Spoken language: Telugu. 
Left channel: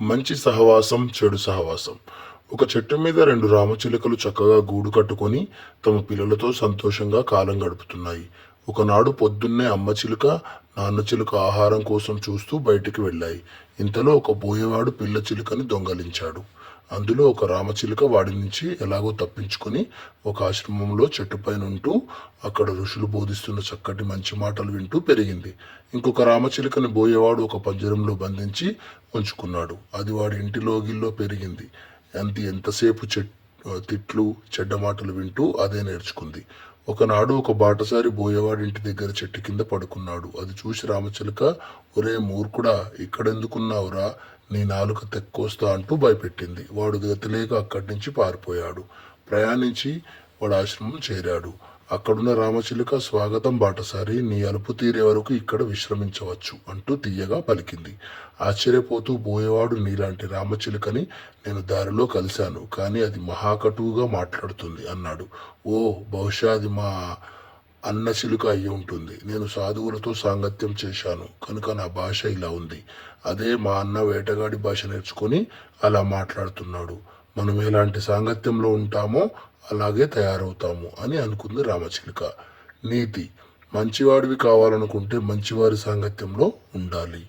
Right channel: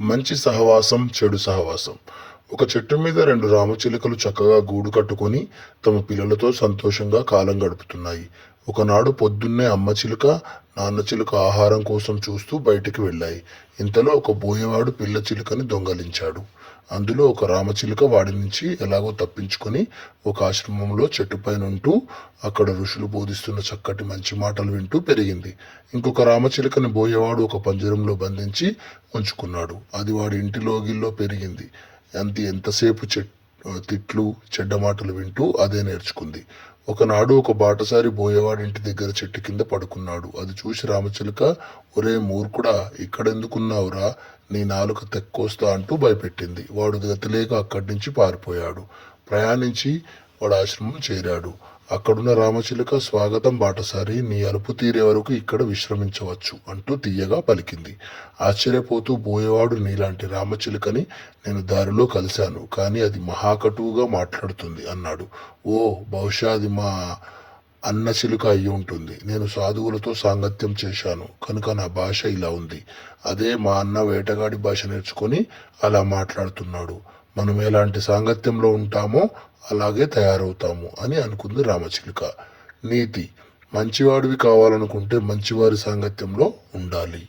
మంచి సహవాసం చెడు సహవాసం. ఒక చెట్టు మీద రెండు రామచిలుకలు చక్కగా గూడు కట్టుకొని తమ పిల్లలతో సంతోషంగా కాలం గడుపుతున్నాయి. ఒకనాడు పొద్దున్నే అమ్మ చిలుక, నాన్న చిలుక ఆహారం కోసం చూస్తూ బయటికి వెళ్ళాయి. ఇంతలో ఒక బోయవాడు పిల్ల చిలుకని దొంగలించాడు. అందులో ఒక రామచిలుక వాడి నుంచి ఎలాగో తప్పించుకొని ఒక ఆశ్రమంలో చెట్టుపైనుంటూ అక్కడ ఋషులు బోధిస్తున్న చక్కటి మంచి మాటలు వింటూ పెరిగింది. ఇంకొక రామచిలుకని బోయేవాడు ఒక పంజరంలో బంధించి ఉంచుకున్నాడు. అది వాడి ఇంటి లోగిల్లో పెరిగింది. ఎంతసేపు తిట్లు చెడ్డ మాటలు వింటూ అదే నేర్చుకుంది. ఒకనాడు ఒక బాటసారి బోయేవాడి ఇంటి దగ్గర చెట్టు కింద పడుకున్నాడు. అది చూసి రామచిలుక, ఒరే మూర్ఖుడా, ఇక్కడెందుకున్నావురా, నీ నాలుక తెక్కోస్తా అంటూ భయపెట్టింది. వాడు గతిలేక అక్కడి నుంచి పారిపోయాడు. ప్రయాణించి వాడు ఆశ్రమం చేరాడు. అక్కడున్న రామచిలుక, స్వాగతం బాటసారి, నీ అలుపు తీరే వరకు ఇక్కడ విశ్రమించవచ్చు అంటూ తీయగా పలికింది. ఆశ్చర్యపోతూ బోయేవాడు, నీలాంటి రామచిలుకని నేను దారిలో కలిశాను, కానీ అది మహాకటువుగా మాట్లాడుతుంది అన్నాడు. ఓ, బహుశా అది మా అన్న చిలుక అయి ఉంటుంది. నేను సాధువులతో సాంగత్యం చేశాను కనుక నా భాష ఇలా ఉంది. అదే మా అన్న వేటగాడి భాష నేర్చుకొని అలా మాట్లాడుతున్నాడు. మనం ఎలాంటి సాంగత్యంలో ఉంటామో అలాగే తయారవుతాము అని అనుకుంది రామచిలుక. నీతి: మంచివాడివి కావాలనుకుంటే మంచివారి సాంగత్యంలో ఉండాలి.